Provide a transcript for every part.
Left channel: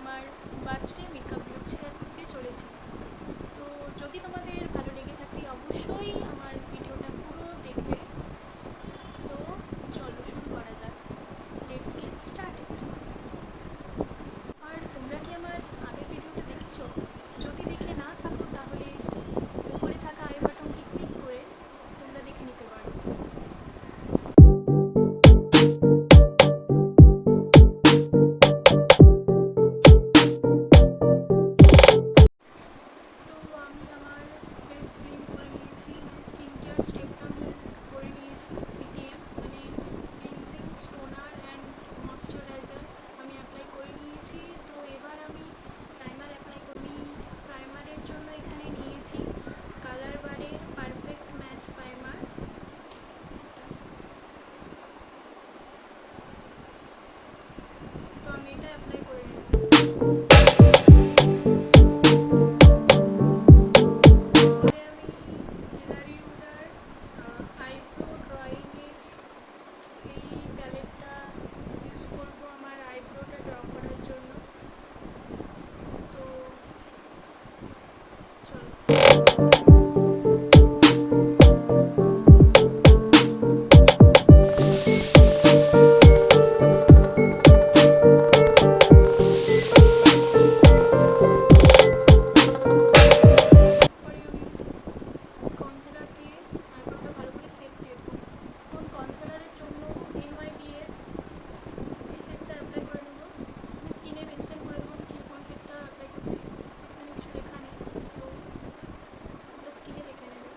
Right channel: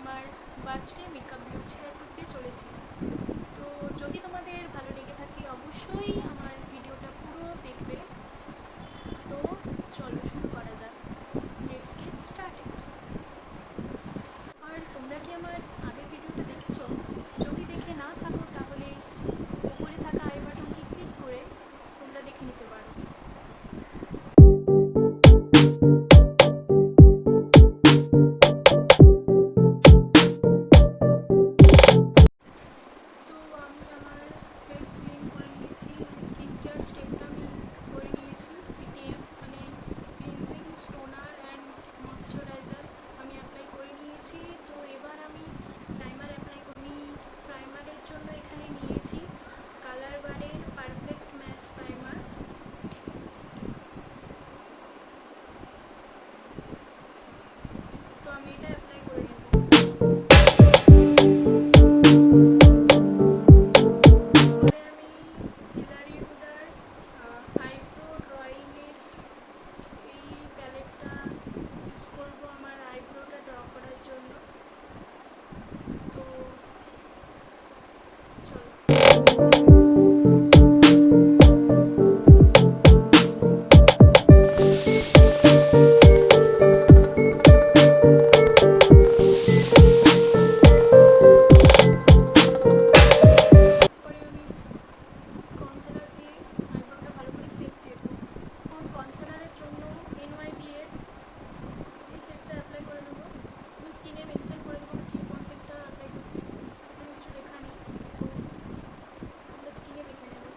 আমার birthday makeup look share করতে চলেছি। তো যদি তোমাদের ভালো লেগে থাকে অবশ্যই আমার ভিডিওটা পুরো দেখবে। তো চলো শুরু করা যাক, লেটস গেট স্টার্টেড। আর তোমরা কি আমার আগের ভিডিওটা দেখেছো? যদি দেখে না থাকো তাহলে উপরে থাকা আই বাটনটি ক্লিক করে তোমরা দেখে নিতে পারো। তো আমি আমার ফেস ক্লিন করে নিয়েছি, স্কিন কেয়ার স্টেপটা আমি করে নিয়েছি। সিটিএম মানে ক্লিনজিং স্টোনার অ্যান্ড ময়শ্চারাইজার আমি অ্যাপ্লাই করে নিয়েছি। তো এবার আমি প্রাইমার অ্যাপ্লাই করি। প্রাইমারের জন্য এখানে নিয়েছি কালার বারের পারফেক্ট ম্যাচ প্রাইমার। তো আমি এটা অ্যাপ্লাই করে নেব। কনসিলারের জন্য এনওয়াইবি এর এই সেটটা অ্যাপ্লাই করে নেবো। আমি স্কিনে মেনশন করে দেবো কি কোন সেটটা অ্যাপ্লাই করছি, এখানে কিছু লেখা নেই, তো তোমরা স্কিনে দেখে নেবে।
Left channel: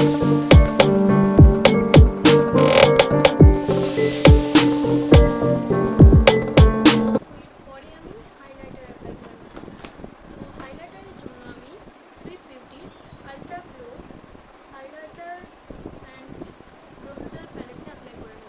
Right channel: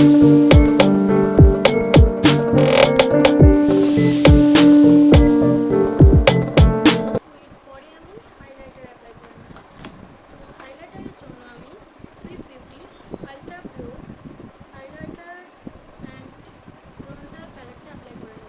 এরপরে আমি হাইলাইটার অ্যাপ্লাই করে নেব। তো হাইলাইটারের জন্য আমি সুইস বিউটির ultra glow highlighter and bronzer প্যালেটটা অ্যাপ্লাই করে নেব।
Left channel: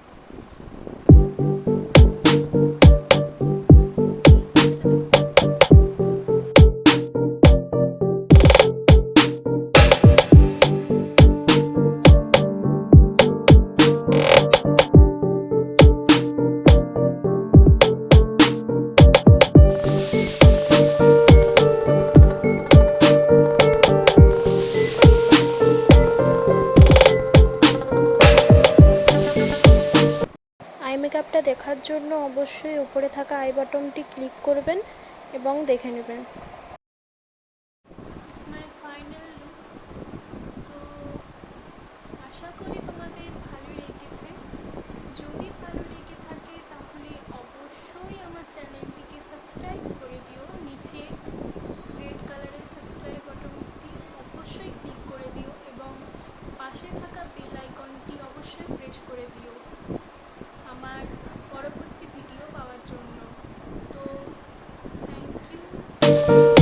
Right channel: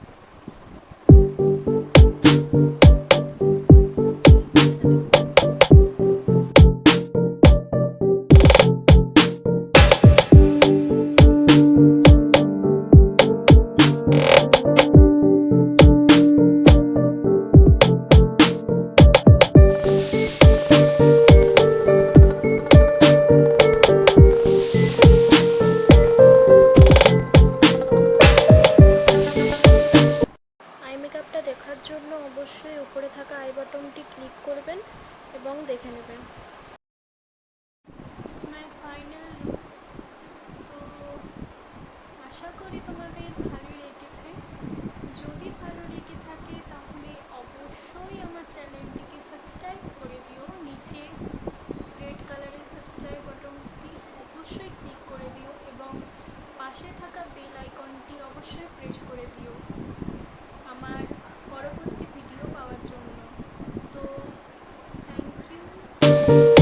আই মেকআপটা দেখার জন্য অবশ্যই উপরে থাকা আই বাটনটি ক্লিক করবেন এবং দেখে নেবেন। It's my final look. তো আশা করি তোমাদের ভালো লেগেছে। যদি ভালো লেগে থাকে তাহলে অবশ্যই আমার চ্যানেলটিকে সাবস্ক্রাইব করে দিও। নিচে রেড কালারের সাবস্ক্রাইব বাটনটি অবশ্যই ক্লিক করে দিও এবং পাশে থাকা বেল আইকনটি অবশ্যই প্রেস করে দিও আমার পরবর্তী ভিডিও পাওয়ার জন্য। তো থ্যাংক ইউ।